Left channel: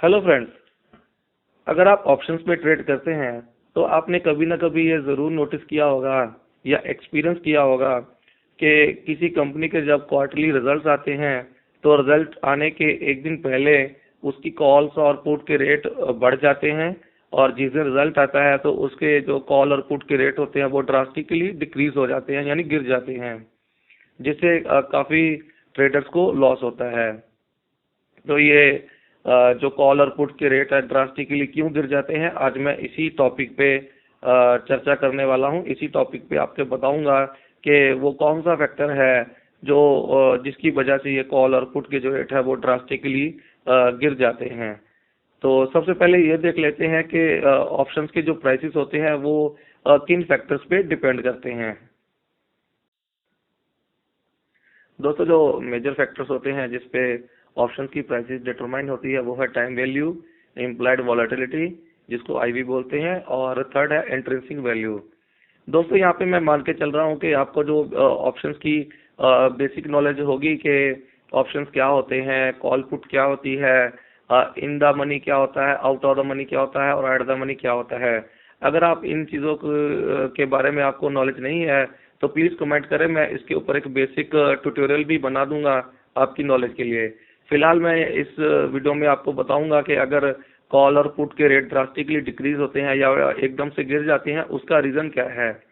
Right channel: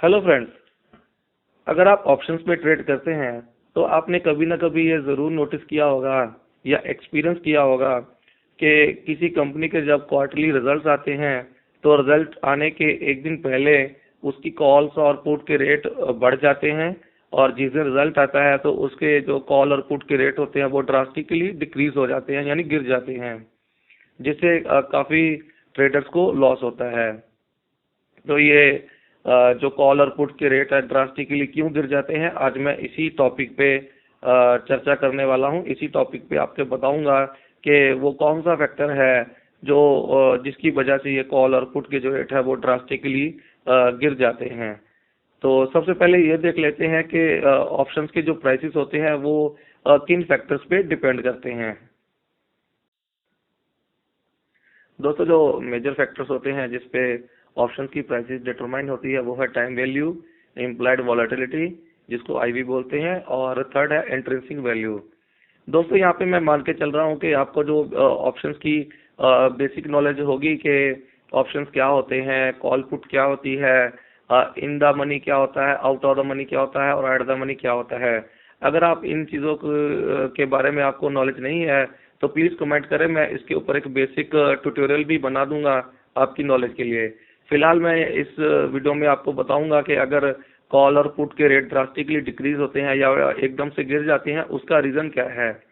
Hello friends. अगर आप options पे ट्रेड करते हैं तो आपने कभी ना कभी ये ज़रूर नोटिस किया होगा या एक्सपीरियंस किया होगा कि किसी कंपनी के जब क्वार्टरली रिजल्ट्स आते हैं तो रिजल्ट आने के एक दिन पहले उसकी कॉल्स और पुट के रेट बढ़ जाते हैं, और जिस दिन रिजल्ट आता है तो उसके जो कॉल और पुट के रेट होते हैं वो ड्रास्टिकली डिक्रीज हो जाते हैं, यानी गिर जाते हैं, जिससे काफ़ी ट्रेडर्स को लॉस होता है। तो ये जो कॉल और पुट के रेट है ड्रास्टिकली क्यों गिर जाते हैं, आज मैं इसी टॉपिक पे चर्चा करने वाला हूँ। इसी टॉपिक पे आपको बताऊंगा कि वो कौन सा फैक्टर है जो जिसकी वजह से ये कॉल और पुट के जो रेट है वो ड्रास्टिकली गिर जाते हैं। तो सबसे पहले ये देख लेते हैं कि ऑप्शंस के जो प्राइसेस होते हैं वो किन फैक्टर्स पे डिपेंड करते हैं। दोस्तों, जो मेजर फैक्टर्स होते हैं जिसपे ऑप्शन की प्राइसेस डिटरमाइन होती है वो है टाइम वैल्यू, इम्प्लाइड वॉलेटिलिटी जिसको आईवी बोलते हैं, और थर्ड है इंट्रिंसिक वैल्यू। दोस्तों, यहाँ पे मैं मान के चल रहा हूँ कि आपको जो ऑप्शंस की बेसिक नॉलेज होगी कि ऑप्शंस क्या होते हैं, कॉल पुट क्या होती है, इन द मनी क्या होता है, आउट ऑफ द मनी क्या होता है, और एट द मनी क्या होता है। अगर आप इन चीज़ों के बारे में आपको नॉलेज नहीं है तो प्लीज़ कमेंट करें, मैं इसके ऊपर एक बेसिक ट्यूटोरियल भी बना दूंगा आपकी नॉलेज के लिए। फिलहाल मैं इस वीडियो में आपको बताऊंगा कि अगर कॉल और पुट के रेट ड्रास्टिकली डिक्रीज होते हैं या एकदम से गिर जाते हैं उसका रीज़न क्या है।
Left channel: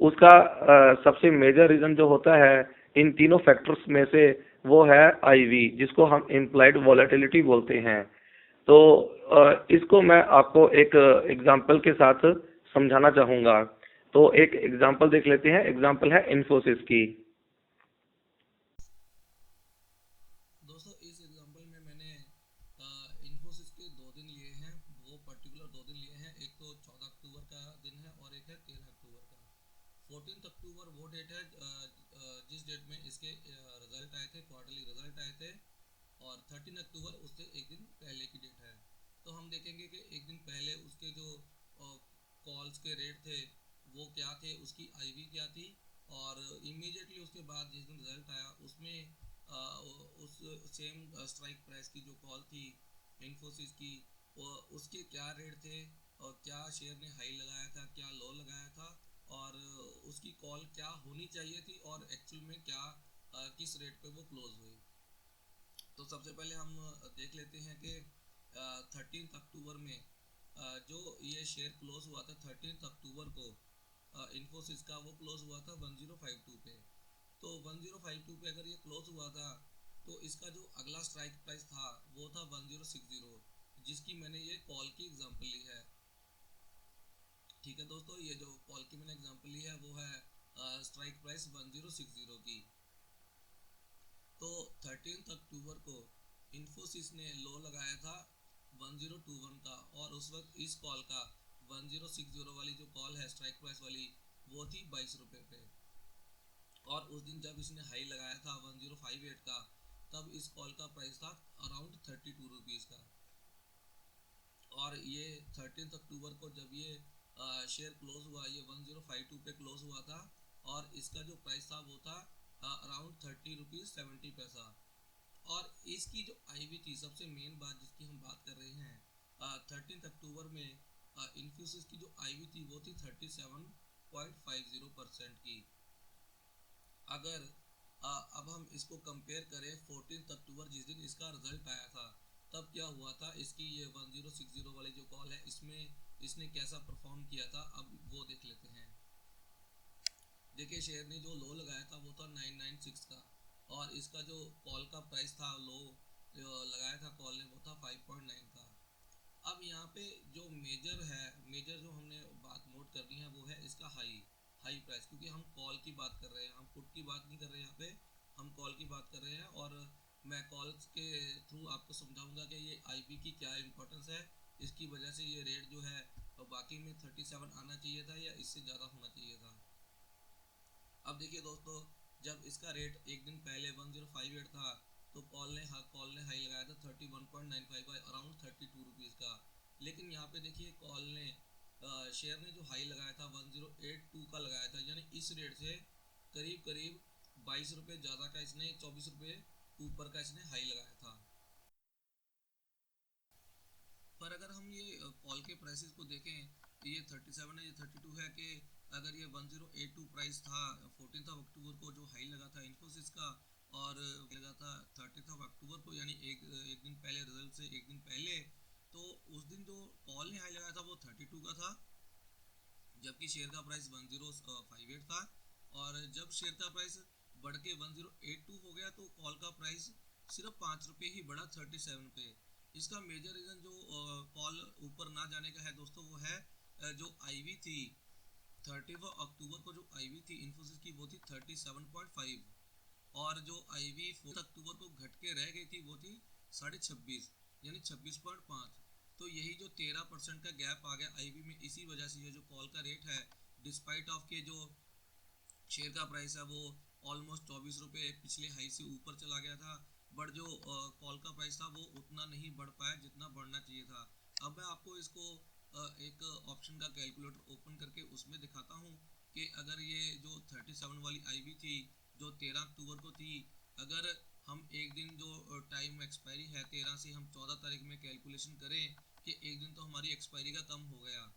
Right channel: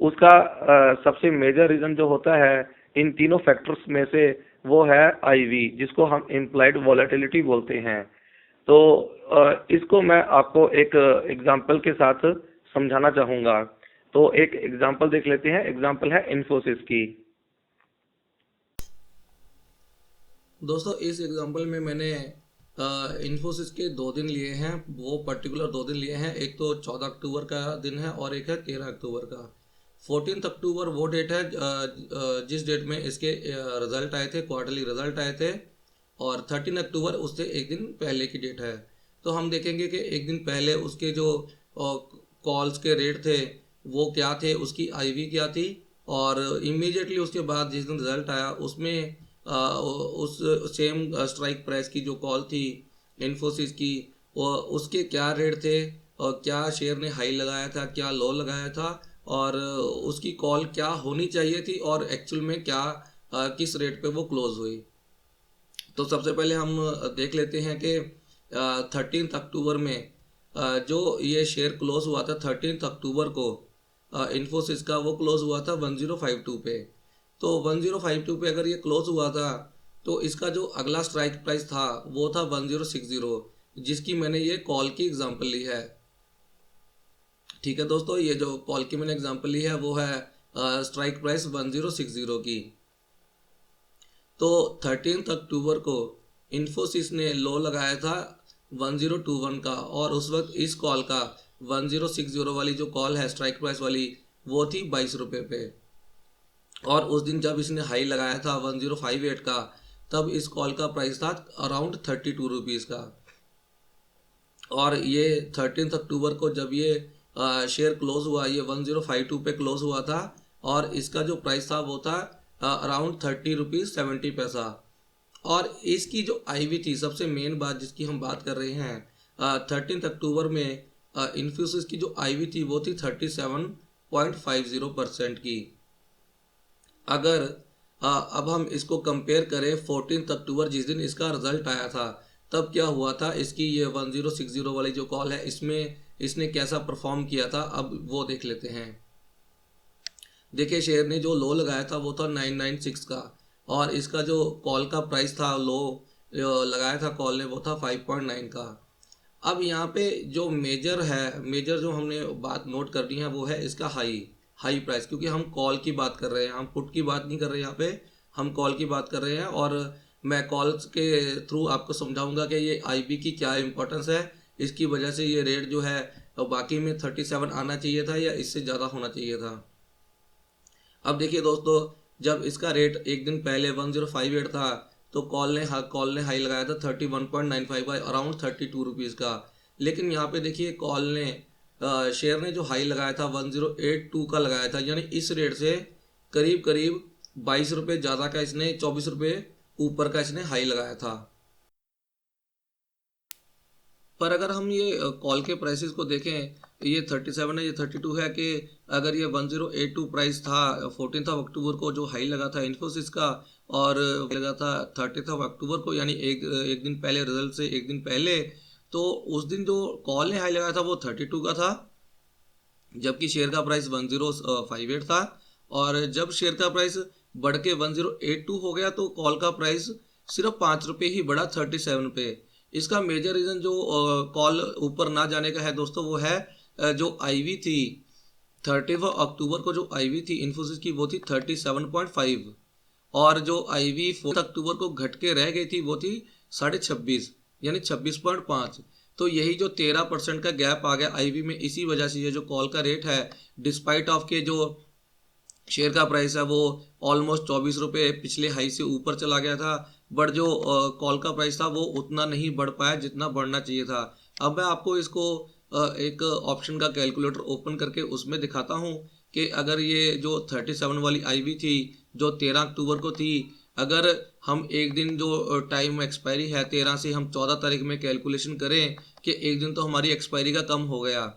उसका सबसे मेजर रीज़न जो होता है इन तीनों फैक्टर्स में से वो है आईवी, जिसको हम इम्प्लाइड वॉलेटिलिटी बोलते हैं। तो इसको मैं आपको एक एग्जांपल के साथ समझाना चाहूँगा। तो एक एग्जांपल देख लेते हैं। एग्जांपल है इन्फोसिस की। दोस्तों, इस एग्जांपल में मैंने इन्फोसिस के 2 दिन लिए हैं। वो पर्टिकुलर 2 दिन लिए हैं। एक तो 14 अक्टूबर का दिन है और एक है 13 अक्टूबर का। 14 अक्टूबर वो डेट है जिस डेट में इसके रिजल्ट आए थे, क्वार्टरली रिजल्ट आए थे। और 13 अक्टूबर उससे एक दिन पहले की डेट है। तो हम देखेंगे कि एक दिन पहले उसके जो कॉल्स के रेट थे वो क्या थे, उसकी आईवी क्या थी। और इमीडिएटली उसके बाद जिस दिन रिजल्ट आया उसमें उस सेम स्ट्राइक प्राइस की जो कॉल थी इन्फोसिस की, वो उसके क्या रेट थे और क्या शेयर ने हाई लगाया था, क्या लो लगाया था, और उसकी कॉल क्या होनी चाहिए थी और एक्चुअल में क्या किस रेट पे वो क्लोज हुई। तो सबसे पहले हम देख लेते हैं कि 13 अक्टूबर में जो ये शेयर क्लोज हुआ था 13 अक्टूबर को, इन्फोसिस का वो क्लोज हुआ था 1052 पे। तो 1052 पे अगर ये क्लोज हुआ था तो इसका जो अगला स्ट्राइक प्राइस था वो था 1060, जिसकी मैंने ये कॉल की एग्जांपल ली है। ठीक है दोस्तों, ये जो कॉल की मैंने एग्जांपल ली है वो है स्ट्राइक प्राइस 1060 की। तो 13 अक्टूबर को इन्फोसिस ने लो लगाया था 1021 का, और उस वक्त इस कॉल का 1060 वाली जो कॉल है स्ट्राइक प्राइस वाली वो थी 22 रुपये पे। और उस दिन जब इसने हाई लगाया था 1058 का, तब इस कॉल का प्राइस था अराउंड 32 रुपीज़ का। और ये 13 अक्टूबर को जब ये शेयर क्लोज हुआ, ये 1052 पे क्लोज हुआ था, और इसका जो प्राइस था वो था अराउंड 30 रुपीज़ 70 पैसा। और इसकी जो आईवी थी, सबसे मेन बात जिसकी हम बात कर रहे हैं, 13 अक्टूबर में इन्फ्यूसिस की जो आईवी थी वो थी 37.50% की। अगर अब हम इसको कंपेयर करें 14 अक्टूबर जिस दिन इसका रिजल्ट आया था, तब क्या हुआ था, इसकी ये 1060 वाली जो कॉल है इसमें इसने कैसा परफॉर्म किया था, अब वो देख लेते हैं। देखिए, शेयर ने जो लो लगाया था वो था 996 का, और इसका जो कॉल का प्राइस था, लो लगाया था कॉल ने वो था 5.9 का। अब यहाँ पे जो मेजर है, मेजर जो हमने बात नोट करनी है वो है इसका हाई हाई प्राइस, क्योंकि हम कॉल की बात कर रहे हैं, हम पुट की बात नहीं कर रहे हैं। यहाँ पे हम कॉल की बात कर रहे हैं, और मैं कॉल्स के थ्रू आपको समझाऊंगा कि ये आईबी की क्या इंपॉर्टेंस है। इसकी वजह से ये रेट जो है बाकी में 37 आना चाहिए था या इससे ज़्यादा होना चाहिए था। अब देखिए दोस्तों, जब इसका रेट एक दिन पहले 1058 था, तो कॉल ने हाई लगाया था 31.95 का, अराउंड 32 रुपीज़ का। लेकिन यहाँ पे देखिए, कॉल ने शेयर ने जो हाई लगाया था 1082 का लगाया था, यानी इस रेट से करीब करीब 22 रुपये ज़्यादा का इसने, 24 रुपये ऊपर का इसने हाई लगाया था। पर अगर हम ये कॉल के प्राइसेस को देखें, ये 37 है, ये 32 है, कि अगर ये 1082 प्राइस था 14 अक्टूबर को जो हाई लगा था इन्फोसिस का, और लगा था 30 अक्टूबर को, यानी एक दिन पहले, रिजल्ट से एक दिन पहले, तो उस दिन जो कॉल ने हाई लगाया था वो 32 का था, जबकि शेयर का प्राइस 1058 था। और जब शेयर का प्राइस बढ़ के 1082 हो गया तो कॉल का प्राइस सिर्फ 5 रुपये ही बढ़ा 37 पे। इसका मेजर रीज़न जो कॉल ऊपर ना जाने का है दोस्तों, वो है जो आईवी थी 30 अक्टूबर को, जो आईवी थी इन्फोसिस की वो थी 37.5, और जो आईवी 4 अक्टूबर को घट के रह गई थी वो थी 26.5, यानी 26.5। तो यही जो 13% का गैप आ गया आईवी में, इसी वजह से ये जो कॉल का रेट है, डिस्पाइट ऑफ के जो शेयर का प्राइस है वो ऑलमोस्ट 24 रुपये पिछले हाई से ऊपर चला गया था, बट जो कॉल का प्राइस था वो उतना नहीं बढ़ पाया जितना बढ़ना चाहिए था। अब मैं आपको इसको एक ऑप्शन का कैलकुलेटर ओपन करके उसमें दिखाता हूँ कि अगर ये जो 37 वाली आईवी थी जो 13 अक्टूबर को थी, अगर हम एक दिन जो टाइम एक्सपायरी है 13 से हम 14 तारीख में कैलकुलेशन करें कि एक दिन तो हमारी एक्सपायरी का कम हो गया,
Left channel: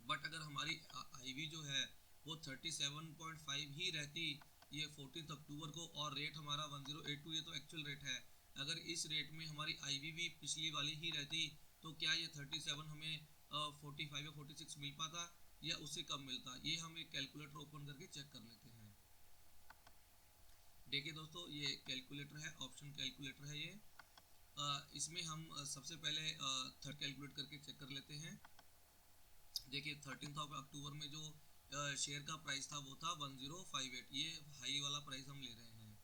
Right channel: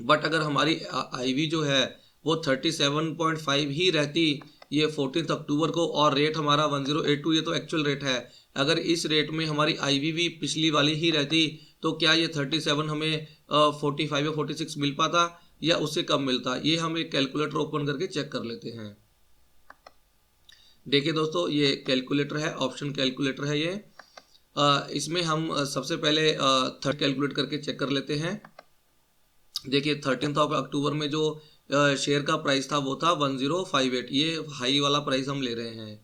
बट अगर हमारी आईवी जो है वो 37.5 ही रहती ये 14 अक्टूबर को, और रेट हमारा 1082, ये तो एक्चुअल रेट है, अगर इस रेट में हमारी आईवी भी पिछली वाली ही रहती तो क्या ये 37 हमें 45 या 46 मिल पाता या उससे कम मिलता? ये हम एक कैलकुलेटर ओपन करके चेक कर लेते हैं। देखिए दोस्तों, ये कैलकुलेटर है, ऑप्शन कैलकुलेटर है ये। इसमें हम सबसे पहले थर्ड कैलकुलेट करके चेक कर लेते हैं। देखिए 13 अक्टूबर में जो शेयर का प्राइस था वो था 1058, ये हाई वाला प्राइस हम ले रहे हैं।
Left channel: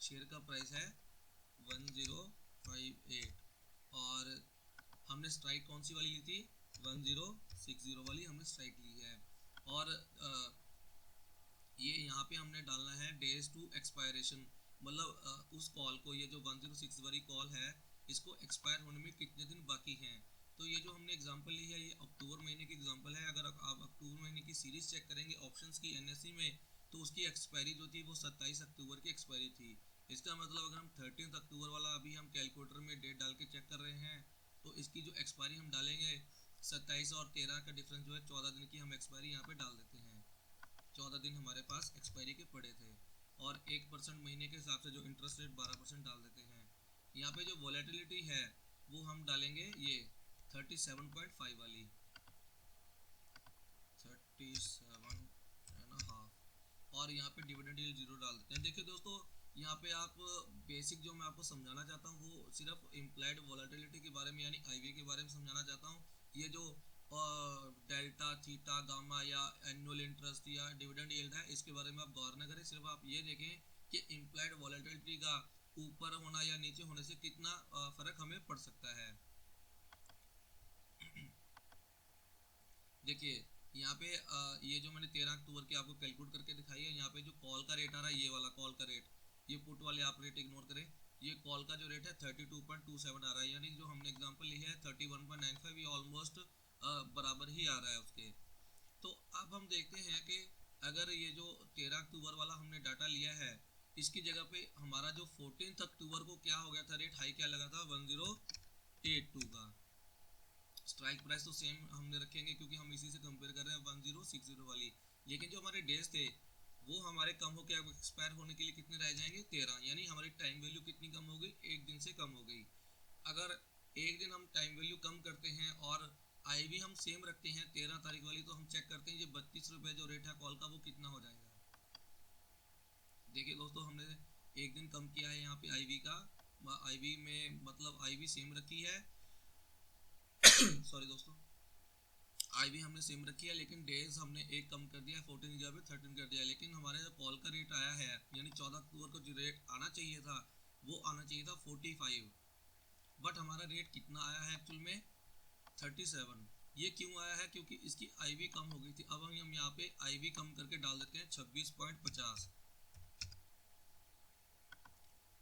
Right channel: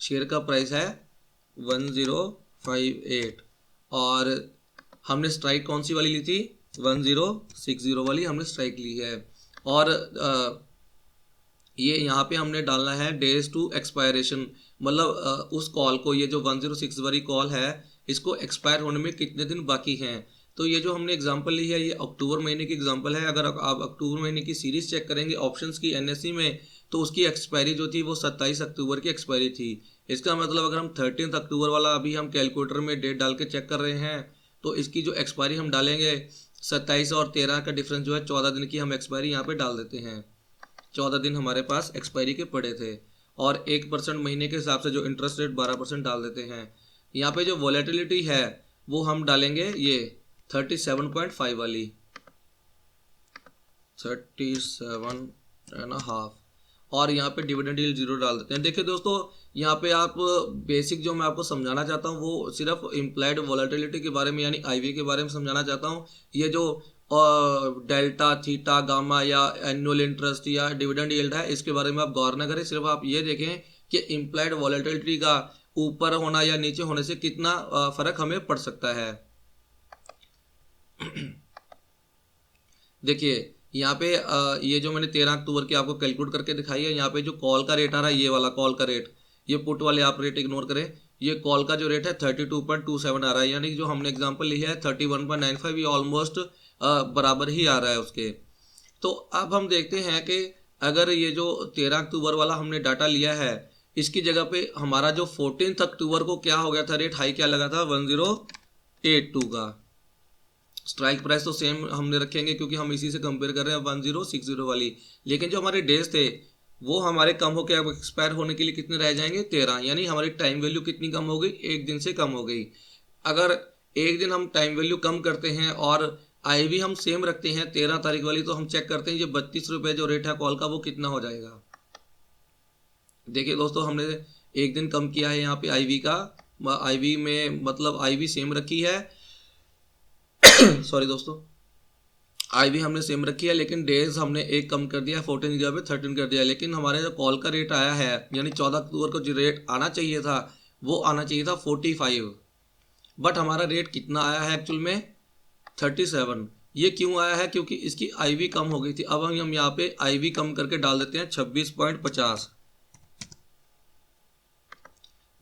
शेयर का प्राइस है 1058, और हमने स्ट्राइक कौन सी वाली ली थी? 1060 वाली हमने स्ट्राइक ली है। और ये यहाँ पे हमने डालना है डेज टू एक्सपायरेशन, मतलब उस कॉल को, ये जो 106 वाली कॉल है इसको एक्सपायर होने में कितने दिन बाकी हैं। तो ये जो हमने एग्जांपल ली है ये अक्टूबर महीने की एग्जांपल है। अगर आप अक्टूबर महीने की सीरीज चेक करेंगे ऑप्शंस की एनएससी में, तो उसकी एक्सपायरी जो थी वो 27 अक्टूबर की एक्सपायरी थी। इसका मतलब अगर हम 13 अक्टूबर वाला अभी हम कैलकुलेटर में डेट डाल के चेक कर रहे हैं, तो इसकी जो एक्सपायरी हम डालेंगे 27 और 13 का डिफरेंस जो है 14 दिन की हम एक्सपायरी यहाँ पे डाल देते हैं। 14 दिन हमारे पास एक्सपायरी के पड़े थे, और 1% महीने के हिसाब से जो इंटरेस्ट रेट 12% डाल देते हैं। यहाँ पे जो वॉलेटिलिटी है वो हम डालेंगे ये 37.5 वाली, 37.5, और यहाँ पे डिविडेंड यील्ड 0 डाल देते हैं। देखिए दोस्तों, यहाँ पे आप बेसिक जो मैं आपको समझाना चाहता हूँ वो सिर्फ इम्प्लाइड वॉलेटिलिटी के बारे में, यानी आईवी के बारे में समझाना चाहता हूँ। ये जो डेल्टा, थीटा, गामा या एनुअल इंटरेस्ट या डिविडेंड यील्ड है, इसके बारे में आप गौर न करें, सिर्फ आप ये देखें कि इम्प्लाइड वॉलेटिलिटी का ऊपर होना या नीचे होने से कितना फर्क हमें पड़ सकता है। देखिए यहाँ पे ये जो मैंने 13 अक्टूबर की आपको कैलकुलेट करके दिखाई है, यहाँ पे जो कॉल का रेट आ रहा है, ये वाला कॉल का रेट, ये पुट वाले आप रेट इग्नोर करें, ये कॉल का जो रेट है 32.27 आ रहा है, यानी जो हमने एग्जांपल ली है 31.95, ये ऑलमोस्ट बराबर ही आ रहा है उसके। तो अब हम देखते हैं कि अगर ये जो 13 अक्टूबर वाला हमने डाटा लिया है, इसकी जगह पे हमारा जो 14 अक्टूबर को क्या हो गया था, रेट हाई क्या लगा था 1082 का। स्ट्राइक प्राइस तो सेम हमने रखेंगे क्योंकि हम इसी से कंपेयर कर रहे हैं 1060 वाली, लेकिन जो हमारे डेज थे वो हमारे कम होकर अब एक्सपायर होने के लिए कितने रह जाएंगे? 13, यानी हमारी टाइम वैल्यू कितनी कम हो गई? एक दिन से कम हो गई। अगर एक दिन हम टाइम वैल्यू कम करते हैं और आईवी हम सेम रखते हैं 13 तारीख वाली, तो हम चेक करते हैं ये 32 रुपये जो रेट है कॉल का वो कितना हो जाएगा। देखिए दोस्तों, हमने एक दिन कम किया है यहाँ पे आईवी का, आईवी में मतलब आईवी सेम रखी है सॉरी दोस्तों, आईवी हमने सेम रखी है, लेकिन डेज हमने एक कम कर दिया, 14 की जगह पे 13 कर दिया। लेकिन हमारे जो कॉल का रेट आया है, यानी 14 अक्टूबर को जो रेट आना चाहिए था वो आना चाहिए था 45, बट हमारा रेट कितना आया है एक्चुअल में? 37। ये क्यों आया है? क्योंकि इसकी आईवी कम हो गई थी। अब हम यहाँ पे आईवी कम करके डाल देते हैं 26.50।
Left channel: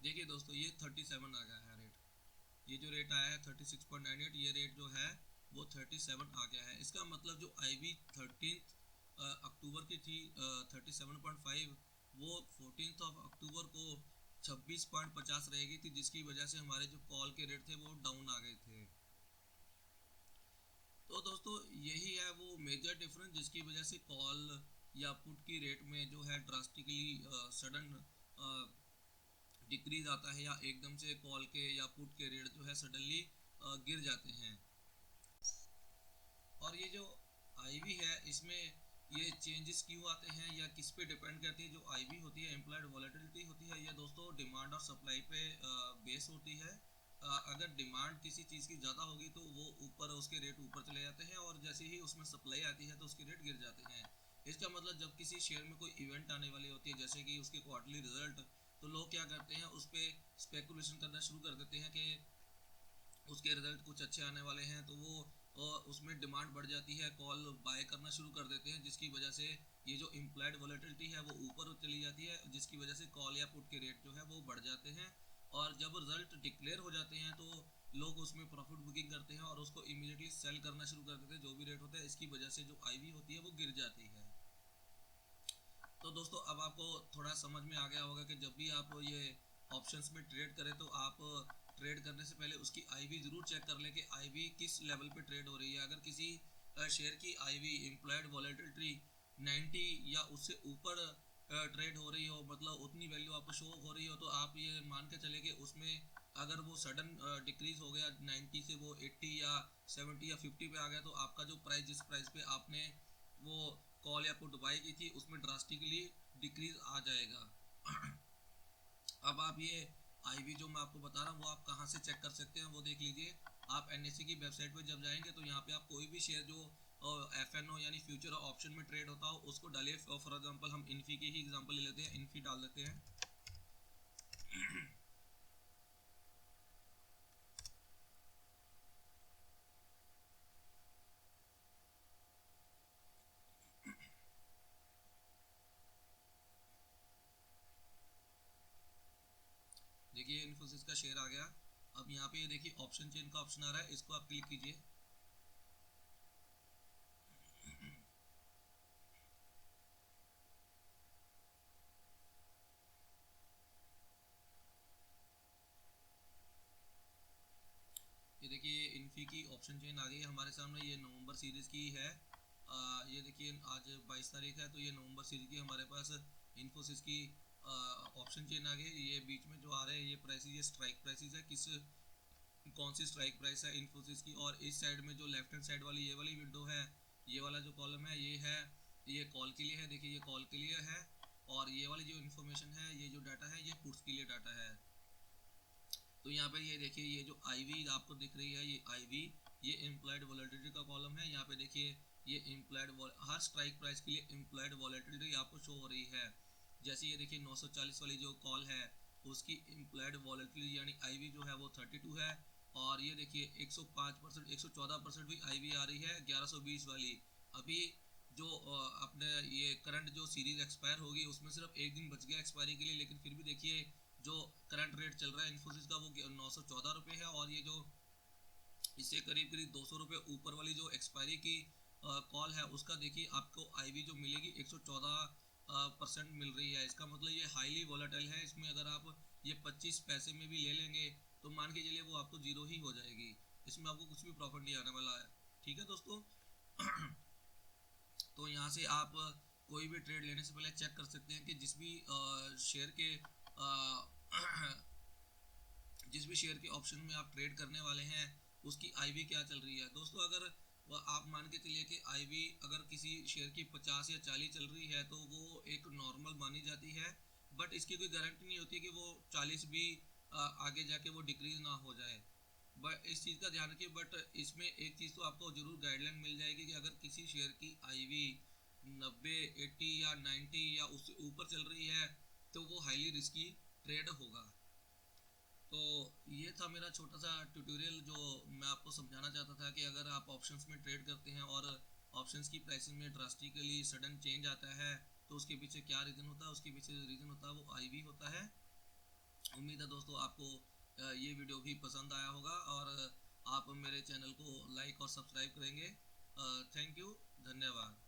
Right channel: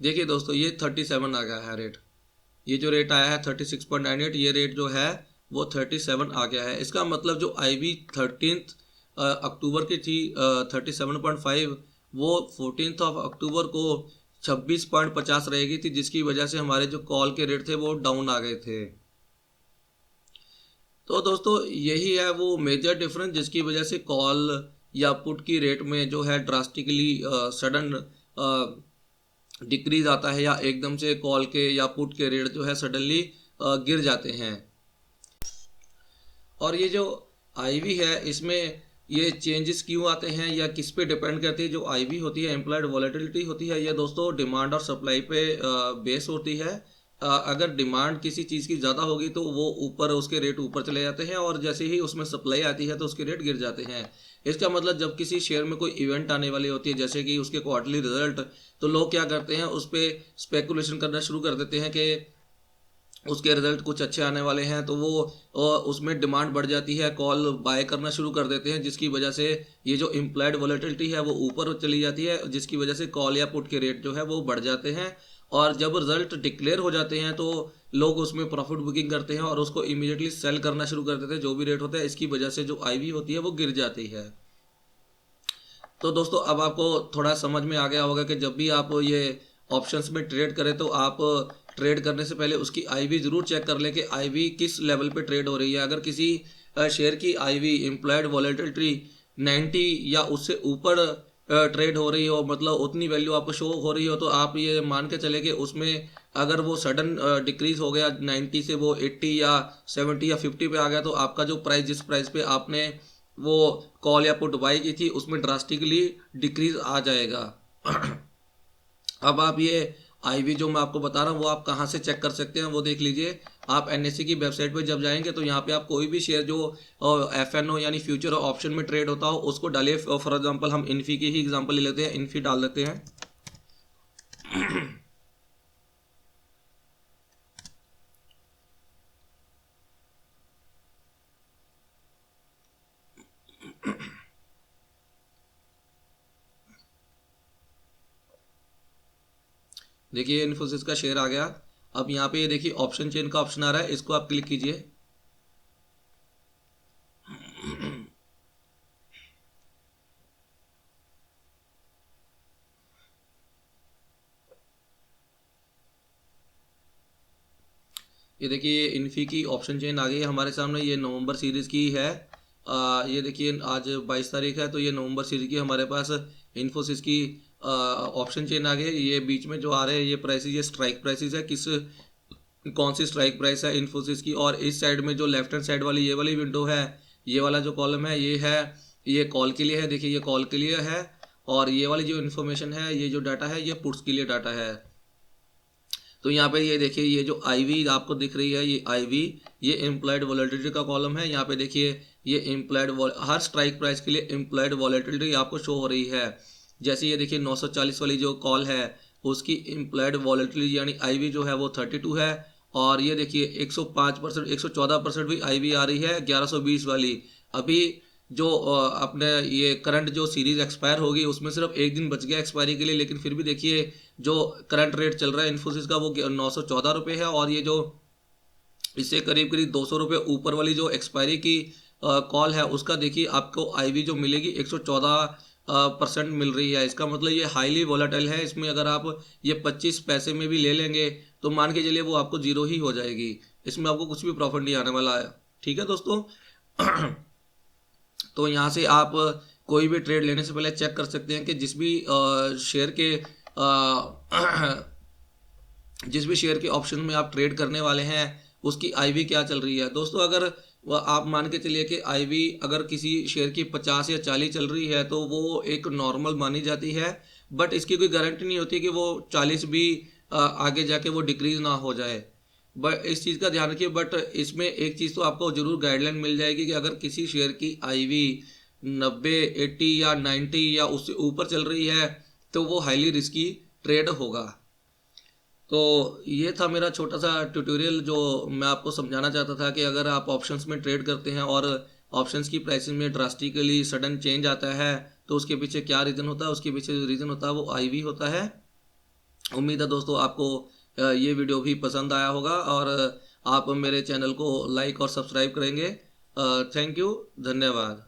देखिए दोस्तों, ये 37 आ गया है रेट। ये जो रेट आया है 36.98, ये रेट जो है वो 37 आ गया है। इसका मतलब जो आईवी 13 अक्टूबर की थी 37.5, वो 14 अक्टूबर को 26.50 रहेगी थी, जिसकी वजह से हमारे जो कॉल के रेट थे वो डाउन आ गए थे। तो दोस्तों यही है वो मेजर डिफरेंस जिसकी वजह से कॉल या पुट की रेट में जो है ड्रास्टिकली सडन डिक्रीज आता है, या एकदम से कॉल के या पुट के रेट जो है सडनली गिर जाते हैं। और ये जो आईवी है इसमें ये चेंजेस क्यों आते हैं या किस पे डिपेंड करती है? जो आईवी होती है, एम्प्लॉयड वॉलेटिलिटी होती है, ये दोस्तों डिमांड और सप्लाई पे बेस होती है। अगर डिमांड किसी चीज़ की ज़्यादा होगी तो वो ऊपर, उसके रेट ऊपर चले जाते हैं, और जैसे ही उसमें सप्लाई आती है तो उसके रेट गिर जाते हैं। इसका मतलब जब किसी शेयर में कोई इवेंट आने वाली होती है, जैसे कि उसके क्वार्टरली रिजल्ट, तो लोग क्या करते हैं, उस पर स्पेकुलेशन करना शुरू कर देते हैं कि उसके रिजल्ट कुछ अच्छे आने वाले हैं, तो वो उसमें डिमांड बढ़ जाती है, कॉल बाय करना शुरू कर देते हैं, जिसकी वजह से ये जो इम्प्लाइड वॉलेटिलिटी है वो ऊपर चली जाती है, जिसकी वजह से कॉल या पुट के रेट जो है वो बढ़ जाते हैं। और जब रिजल्ट डिक्लेयर हो जाते हैं तो लोग उसमें प्रॉफिट बुकिंग करते हैं और उसको इमीडिएटली सेल करना शुरू कर देते हैं, जो भी रेट होता है। इसकी वजह से जो आईवी होती है वो गिर जाती है। तो दोस्तों अब आपको थोड़ा समझ में आ गया होगा कि जब भी आप ये ऑप्शंस में ट्रेड करें तो आप ट्रेड करने से पहले उसकी आईवी ज़रूर चेक कर लें कि आईवी किस लेवल पे ट्रेड हो रही है। अगर किसी शेयर की आईवी इम्प्लॉयड वॉलेटिलिटी 90 या उससे ऊपर ट्रेड हो रही हो, मतलब उतनी वैल्यू आपको शो हो रही हो, तो आप ये मान के चले कि उसमें अगर वो सडन डिक्रीज हो गया 90 से वो 80 या 70 या 50 पे आ गया, तो आपका जो प्राइस, जिस प्राइस पे आपने वो कॉल या पुट बाई की थी, उसमें ड्रास्टिकली डिक्रीज आ जाएगा। अब आप ये आईवी जो मैं आपको बता रहा हूँ वो आप कहाँ से चेक कर सकते हैं वो देख लीजिए। आप एनएससी की वेबसाइट पे जब जाएंगे तो यहाँ पे आप कोई भी शेयर जो एफएनओ यानी फ्यूचर ऑप्शन में ट्रेड होता हो उसको डालिए। फॉर एग्जांपल हम इन्फी की ही एग्जांपल ले लेते हैं, इन्फी डाल देते हैं। देखिए इन्फोसिस का शेयर आ गया। अब यहाँ पे ये देखिए ऑप्शन चेन का ऑप्शन आ रहा है, इसको आप क्लिक कीजिए। ये देखिए इन्फी की ऑप्शन चेन आ गई है हमारे सामने। ये नवंबर सीरीज़ की है। ये देखिए आज 22 तारीख है, तो ये नवंबर सीरीज़ की हमारे पास इन्फोसिस की ऑप्शन चेन आ गई है। ये बीच में जो आ रहे हैं ये प्राइसेस, ये स्ट्राइक प्राइसेस है, किस कौन सी स्ट्राइक प्राइस है इन्फोसिस की। और इस साइड में जो लेफ्ट हैंड साइड वाली ये वाली विंडो है, ये वाला जो कॉलम है ये है, ये कॉल के लिए है। देखिए ये कॉल के लिए है, और ये वाली जो इन्फॉर्मेशन है, ये जो डाटा है, ये पुट्स के लिए डाटा है। तो यहाँ पे ये देखिए ये जो आईवी आपको दिख रही है, ये आईवी, ये इम्प्लॉयड वॉलेटिलिटी का कॉलम है। यहाँ पे देखिए ये इम्प्लॉयड, हर स्ट्राइक प्राइस के लिए इम्प्लॉयड वॉलेटिलिटी आपको शो हो रही है। जैसे ये देखिए 940 वाली जो कॉल है उसकी इम्प्लॉयड वॉलेटिलिटी यानी आईवी जो है वो 32 है। और ये देखिए 105%, 114% भी आईवी आ रही है 1120 वाली। अभी जो अपने ये करंट जो सीरीज एक्सपायर होगी उसमें सिर्फ एक दिन बच गया एक्सपायरी के लिए, लेकिन फिर भी देखिए जो करंट रेट चल रहा है इन्फोसिस का वो 914 रुपये है। और ये जो इससे करीब करीब 200 रुपये ऊपर वाली जो एक्सपायरी की कॉल है उसका देखिए आपको आईवी जो मिलेगी 114% मिल रही है। इसका मतलब ये हाईली वोलेटाइल है। इसमें अगर आप ये 25 पैसे में भी ले लेंगे तो मान के चलिए वो आपको जीरो ही हो जाएगी, इसमें आपको कुछ भी प्रॉफिट नहीं आने वाला है। ठीक है दोस्तों। तो यहाँ से आप कोई भी ट्रेड लेने से पहले चेक कर सकते हैं कि जिस भी शेयर के जिस भी शेयर के ऑप्शन में आप ट्रेड करने वाले हैं उसकी आईवी क्या चल रही है। दोस्तों अगर आप मान के चलिए कि आईवी अगर किसी शेयर की 50 या 40 चल रही है तो वो एक नॉर्मल मानी जाती है, बट इसकी कोई गारंटी नहीं होती कि वो 40 भी आगे जाके वो डिक्रीज ना हो जाए। बट इस चीज़ का ध्यान रखिए। बट इसमें एक चीज़ तो आपको जरूर गाइडलाइन मिल जाएगी कि अगर किसी शेयर की आईवी 90, 80 या 90 या उससे ऊपर चल रही है तो वो हाईली रिस्की ट्रेड होगा। तो ये था मेरा छोटा सा ट्यूटोरियल जो मैं आपको समझाना चाहता था कि अगर आप ऑप्शंस में ट्रेड करते हैं और ऑप्शंस की प्राइसिंग में ड्रास्टिकली सडन चेंज आता है तो उसके पीछे क्या रीज़न होता है। उसके पीछे जो रीज़न होता है वो आईवी होता है। उम्मीद है दोस्तों आपको ये वीडियो भी पसंद आया होगा और आप मेरे चैनल को लाइक और सब्सक्राइब करेंगे। थैंक यू, धन्यवाद।